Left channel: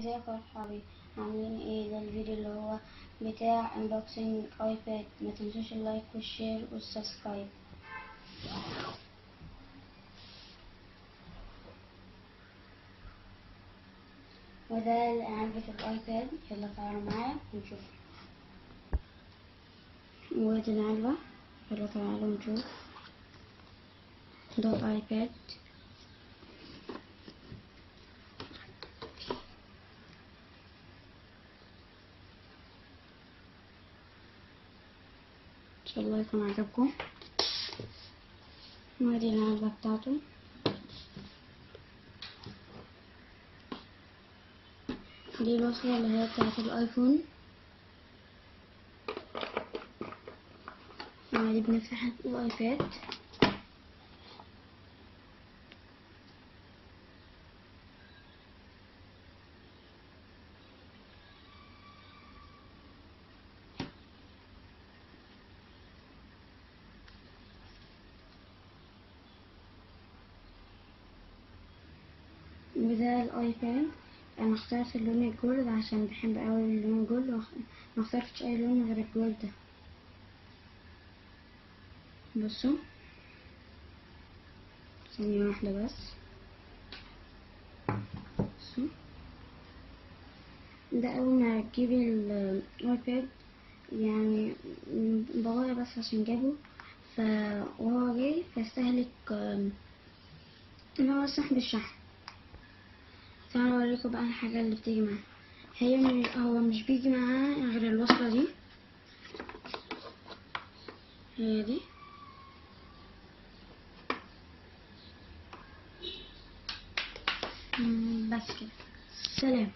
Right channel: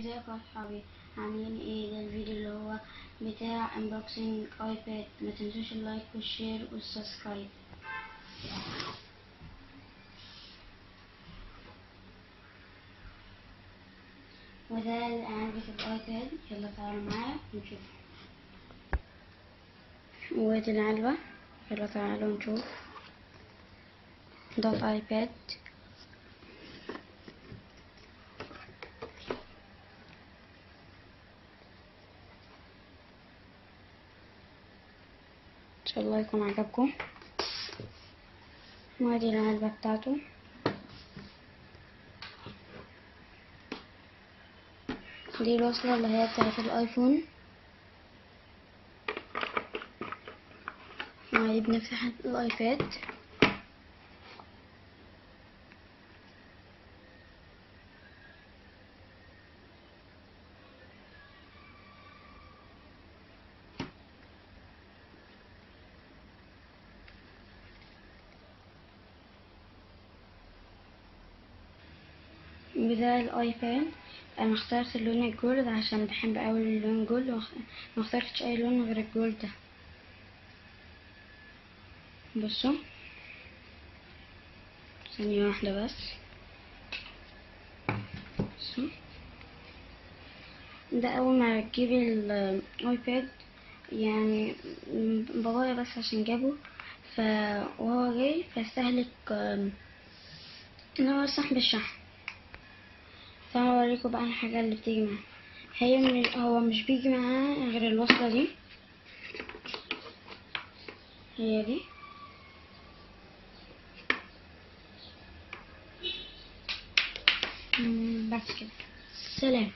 ازيكم يا صحابي، عاملين ايه؟ ده الفيديو اللي هو بتاع انبوكسنج ايباد. ما تنسوش اللايك والشير والسبسكرايب. وده علبة الايباد، يلا تعالوا معايا نشوف. وادي العلبة، يلا تعالوا نشوف. ده الايباد، ان شاء الله يكون عجبكم. وادي العلبة بتاعته، دي الوصلة اللي هي بتاعت الايفون. دي بنفتح الايباد، بدا الايباد. انا اخترت اللون الجولد عشان بحب اوي اللون الجولد، ما اخترتش اي لون غير الجولد ده. بصوا، ثانية واحدة بس. بصوا، ده اول ما تجيبي الايباد، يعني بابايا بس عشان جابه، وهو جاي فاستهلك اللي هو سحب الشحن. فانا اوريكم بقى الحاجة اللي بتيجي معاه. هو مش بيجي معاه غير الوصلة دي، هي دي. بس كده، سلام.